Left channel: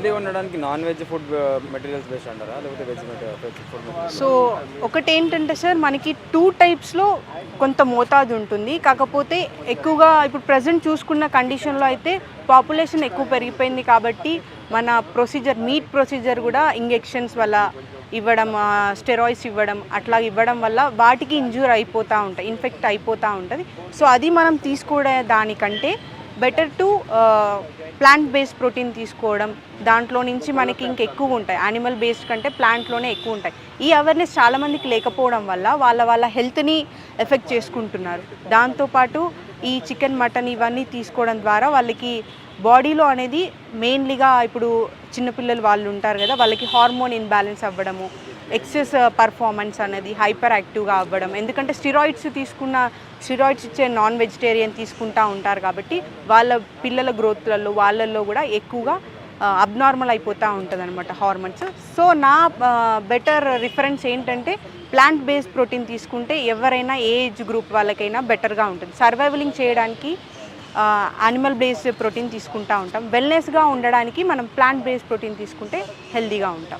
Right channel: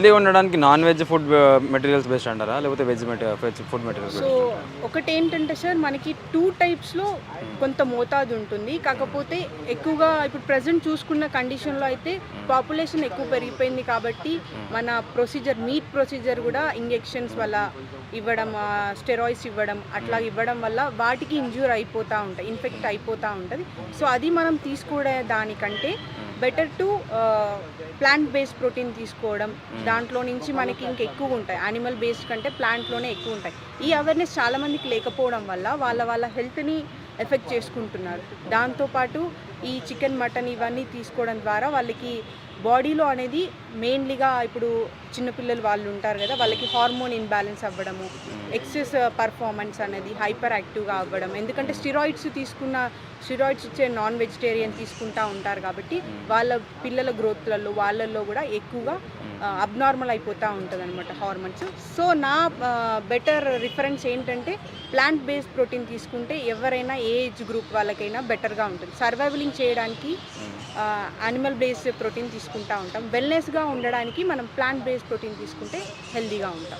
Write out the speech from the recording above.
Healthy ఉండడానికి non veg food materials best అంటారా? లేకపోతే veg veg food material so ఒకటి ఏంటంటే సార్ మనకి టూ టైప్స్లో కొంత మోతాదు ఉంటుంది. కాకపోతే ఎక్కువగా ఇప్పుడు ప్రజెంట్ చూసుకున్న కండిషన్లో అయితే పాపులేషన్ ఎక్కువ పెరిగిపోయింది కాబట్టి మన ప్రొసీజర్ మీట్ ప్రొసీజర్ కూడా ఇంజెక్షన్స్ వల్ల ఇవ్వడం స్టెరాయిడ్స్ ఇవ్వడం అట్లా ఇవ్వడం వల్ల వాటికి ఇంజూర్ అయిపోతూ ఉంటాయి ఇన్ఫెక్ట్ అయిపోతూ ఉంటుంది. సో అది మనం తీసుకోవడం దానికంటే better to plant based protein తీసుకోవడం దాంట్లో నుంచి మనకి ఇంక ఎక్కువ ఉంటాయి. యానిమల్ బేస్డ్ కంటే ప్లాంట్లోనే ఎక్కువ ఉంటాయి. ఈ అవేర్నెస్ చాలామందికి లేకపోవడం వల్ల వాళ్ళ వాళ్ళ హెల్త్ని ఎఫెక్ట్ చేసుకుంటున్నారు. దాంతోపాటు ఈ చికెన్ మటన్ ఇవన్నీ తీసుకోవడం ద్వారా వాళ్ళకి బాడీలో అనేది మెయిన్లీగా ఇప్పుడు చిన్నపిల్లలు వాళ్ళు ఉంటారు కదా వాళ్ళకి హార్మోన్ ఇన్బ్యాలెన్స్ అవ్వడము ఎక్సెస్ పర్ఫార్మెన్స్ అనేది హైపర్ యాక్టివ్గా అవ్వడం. ఎందుకంటే స్టిరాయిడ్స్ తీసుకున్న స్టిరాయిడ్స్ ఇచ్చే నాన్ వెజిటేరియన్ తీసుకుంటా ఉంటారు కాబట్టి వాళ్ళ పిల్లల గ్రోత్లలో వాళ్ళల్లో కూడా ఎక్కువగా అబ్నార్మల్ అయిపోతూ ఉంటుంది అనమాట హార్మోన్స్ సో నా బెటర్ రిఫరెన్స్ ఏంటంటే ప్లాంట్ బేస్డ్ ప్రోటీన్ తీసుకుంటే ఎవరైనా ఏ ఏజ్ గ్రూప్ వాళ్ళకైనా బెటర్గా ఉంటుంది. సర్వైవలింగ్ చేయడానికి యానిమల్ బేస్డ్ ప్రోటీన్ తీసుకుంటా ఉంటాం. వెల్నెస్గా ఉండడానికి మనం ప్లాంట్ బేస్డ్ ప్రోటీన్ తీసుకుంటే హెల్దీగా ఉంటాం.